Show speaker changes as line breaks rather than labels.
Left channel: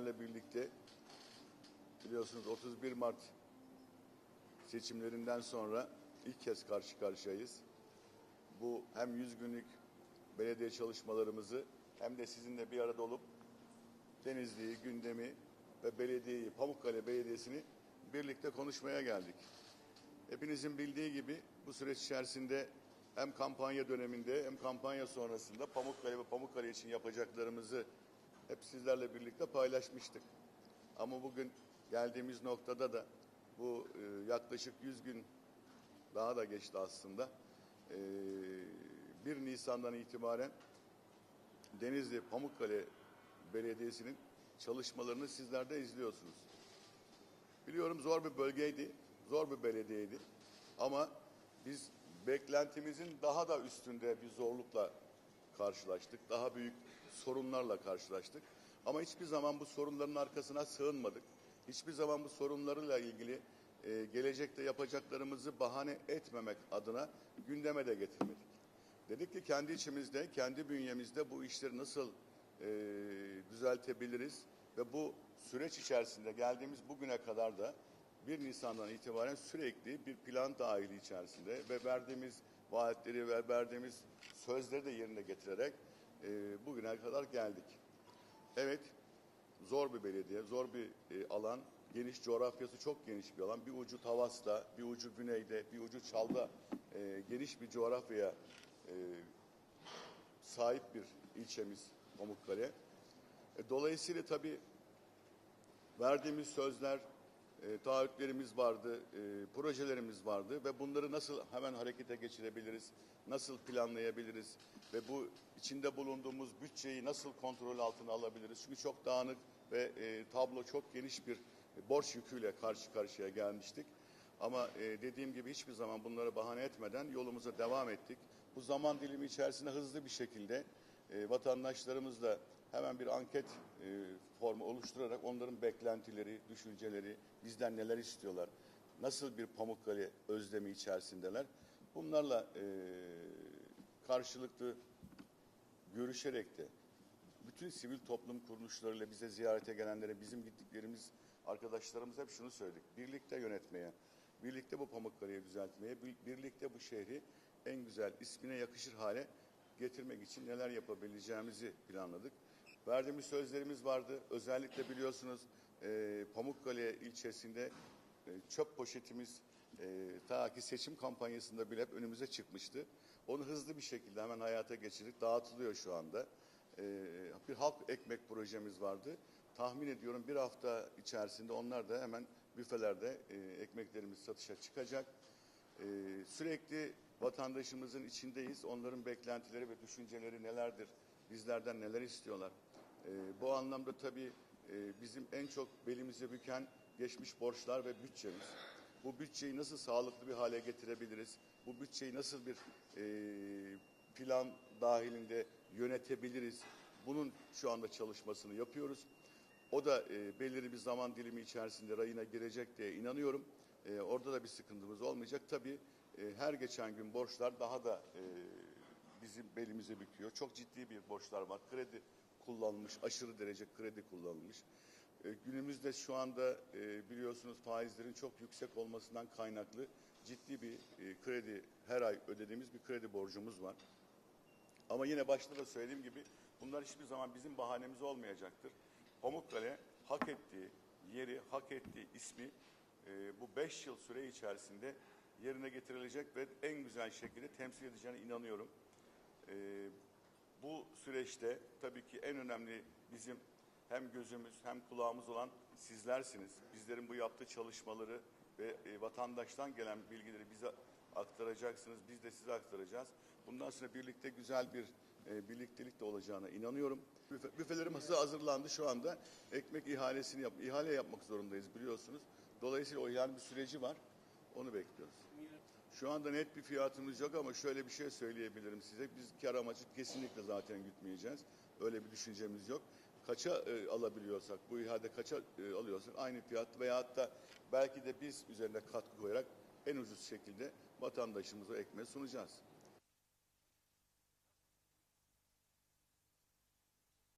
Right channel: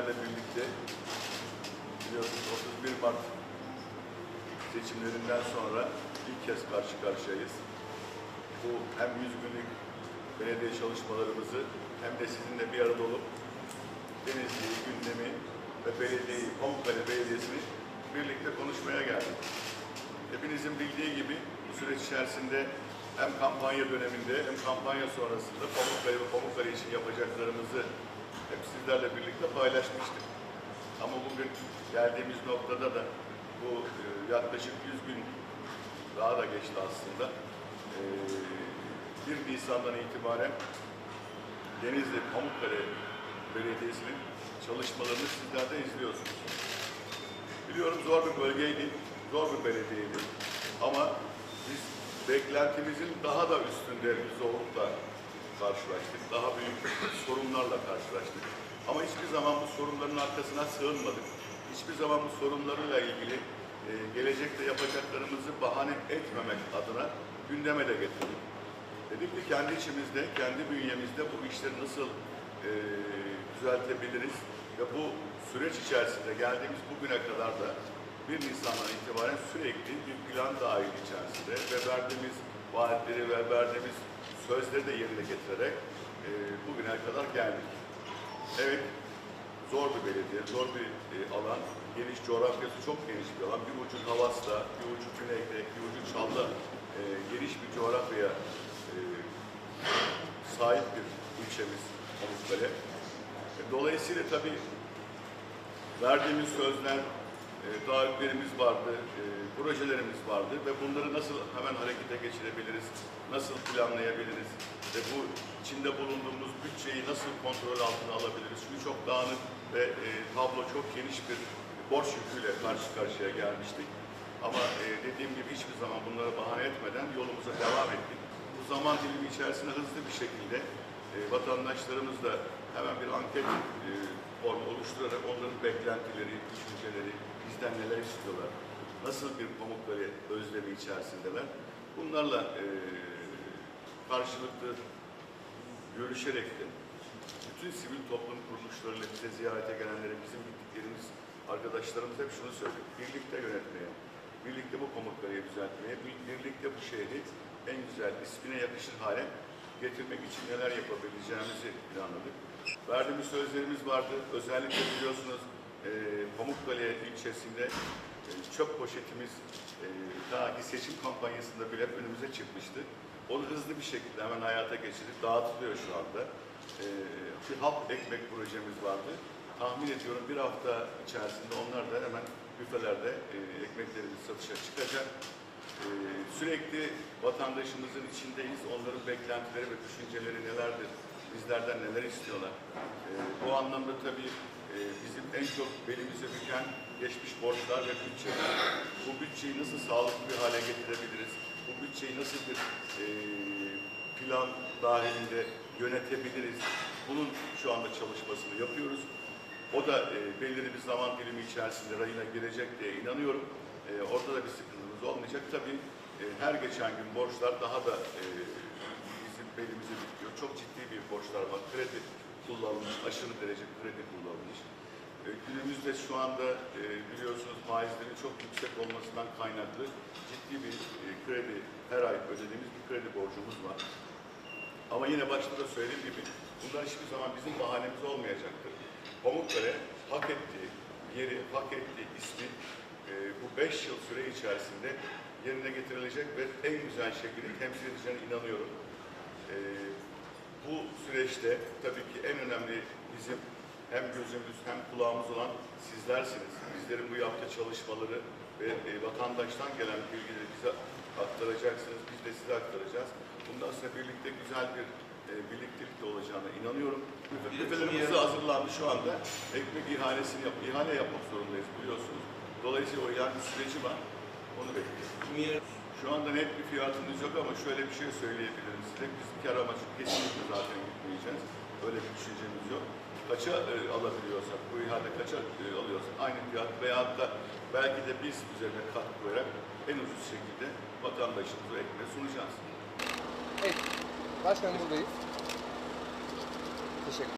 sizlerle birlikte biliyorsunuz 31 Mart seçimlerinden sonra ilk kez karşı karşıyayız. Bu hem 100 günlük belediye çalışmalarımızı hem de sizinle bir arada olup Denizli'yi, gündemi ve belediyeyi, Pamukkale Belediyesi'ni birlikte konuşmaya geldik. Hepinizin bildiği gibi bu süreç içerisinde hem kampanya döneminde hem kampanya sonrasında Pamukkale ve Pamukkale için yapacaklarımızı hep sizlerle birlikte paylaşmıştık. Ama bugün geldiğimiz noktada da bu e, yaklaşık 100 gün daha da geçti aslında. E, 1 Nisan'dan itibaren Denizli Pamukkale Belediyesi'nin çalışmalarını sizler de izliyorsunuz. Biliyorum zor bir bölgeydi, zor bir belediyeydi. Ama biz beklentimizin daha da üstünde zorlukla karşılaştık. Daha büyük sorunlarla karşılaştık. Ama hiçbir zaman bu sorunların arkasına sığınmadık. Hiçbir zaman bu sorunlarla ilgili e, gelecekte yapacaklarımızı bahane etmemek adına gündeme de getirdik. Dedik ki kendi içimizde, kendi bünyemizde bu işleri nasıl e, düzeltebiliriz ve bu süreç içerisinde geldiğimiz bugüne kadar da 1 Nisan'dan itibaren sürekli bir plan dahil içerisinde ve verdiğimiz vaatleri ve verdiğimiz sözleri de yerine getirerek e, bugüne kadar geldik. Evet, zor bir belediye, zor bir e, alan, geniş coğrafyası çok geniş bir alan. Bir ucu Havas'ta, bir ucu Güney'de, bir ucu Çam'da e, geniş bir coğrafyaya e, sahip bir ilçemiz Pamukkale. E, Dolayısıyla tabii verdiğimiz sözler, e, taahhütlerimiz vardı, e, projelerimiz vardı ve bunları nasıl hemen harekete geçirebiliriz, nasıl planlayabiliriz ve bu içinde bulunduğumuz bütçeyi nasıl kontrol altına alabiliriz? Çünkü çok dağınık ve e, tablo çok geniş bir borç yüküyle karşı karşıya gelmiştik. Ama e, dediğim gibi hiçbir zaman bunları bahane etmeden yolumuza devam ettik. Bu zaman dilimi içerisinde hızlı bir şekilde e, vatandaşlarımızla hemen bir anket e, formu oluşturarak onların beklentileri, düşünceleri, bizden neler istiyorlar, nasıl bir Pamukkale özlemi içerisindeler, bunlarla e, karşılıklı görüşerek de bütün sivil toplum kuruluşlarıyla bize ziyarete gelenlere bizim gittiklerimiz arkadaşlarımız hep şunu söylüyor. Birlikte yönetmeye, birlikte bu Pamukkale'yi düzeltmeye, bir- birlikte bu şehri en güzel ismine yakışır hale getirmek için neler yapabileceğimizi planladık. Verdiğimiz sözlerimiz vardı. Özellikle biliyorsunuz e, Pamukkale ilçesinde e, çöp poşetimiz e, daha ki seçim kampanyasında bile önümüze çıkmıştı. Onu hızlı bir şekilde hemen hayata geçirip dağıtılıyor şu anda. E, bir halk ekmek projemiz vardı. Tahmin ediyorum bir hafta içerisinde onlar da hemen büfelerde e, ekmeklerimiz satışa çıkacak. E, sürekli vatandaşımızın içindeyiz. Onların beklentileri ve düşünceleri nelerdir? Bizlerden neler istiyorlar? E, bu anlamda tabii en çok belimize büken geçmiş borçlar ve bütçeler. Bu bütçeyi nasıl sağlıklı bir hale getirebiliriz? Bu bütçeyi nasıl bir e, plan dahilinde yönetebiliriz? Bunun şu anda çalışmasını yapıyoruz. O da e, belirli bir zaman dilimi içerisinde rayına girecek diye inanıyorum. E, orada da bir sıkıntımız olmayacak. Tabii e, her geçen gün borçlar daha da e, bizim belimizi büküyor. Çok ciddi bir borçlar var. Kredi kullanılmış, aşırı derece kredi kullanılmış. E, günümüzde şu anda e, biliyorsunuz faizlerin çok yüksek olmasından kaynaklı ciddi bir e, kredi, her ay ödediğimiz bir kredi borcumuz var. Ama yine başta da söylediğim gibi bunlar hiçbir zaman bizim bahanemiz olmayacaktır. Pamukkale hak ettiği yeri, hak ettiği ismi e, bu beş yıl süre içerisinde yerine getirilecek ve en güzel şekilde temsil edeceğine inanıyorum. E, bu süreçte tabii ki en önemli bizim hem gözümüz hem kulağımız olan sizlersiniz. Bizlerin bu yaptığı çalışmaları ve e, vatandaştan gelen bilgileri bize aktaracaksınız. Biz de size aktaracağız. Bundan sonra birlikte güzel bir e, birliktelikte olacağına inanıyorum. Büfelerimiz de hazırlandı şu anda. Ekmek ihalesini yap, ihale yapmak zorundayız biliyorsunuz. Dolayısıyla o yani bir süreci var. Onu bekliyoruz. Şu anda net bir fiyatımız yok ama şöyle bir şey söyleyebilirim size. Biz kar amacı kesinlikle zaten gitmeyeceğiz. Öyle bir düşüncemiz yok. Kaça e, alabiliyorsak, bu ihale kaça e, alıyorsak aynı fiyat veyahut da belki de biz üzerine katkı koyarak en ucuz şekilde vatandaşımıza ekmeği sunacağız. Evet. Başkanım buradayız. Teşekkür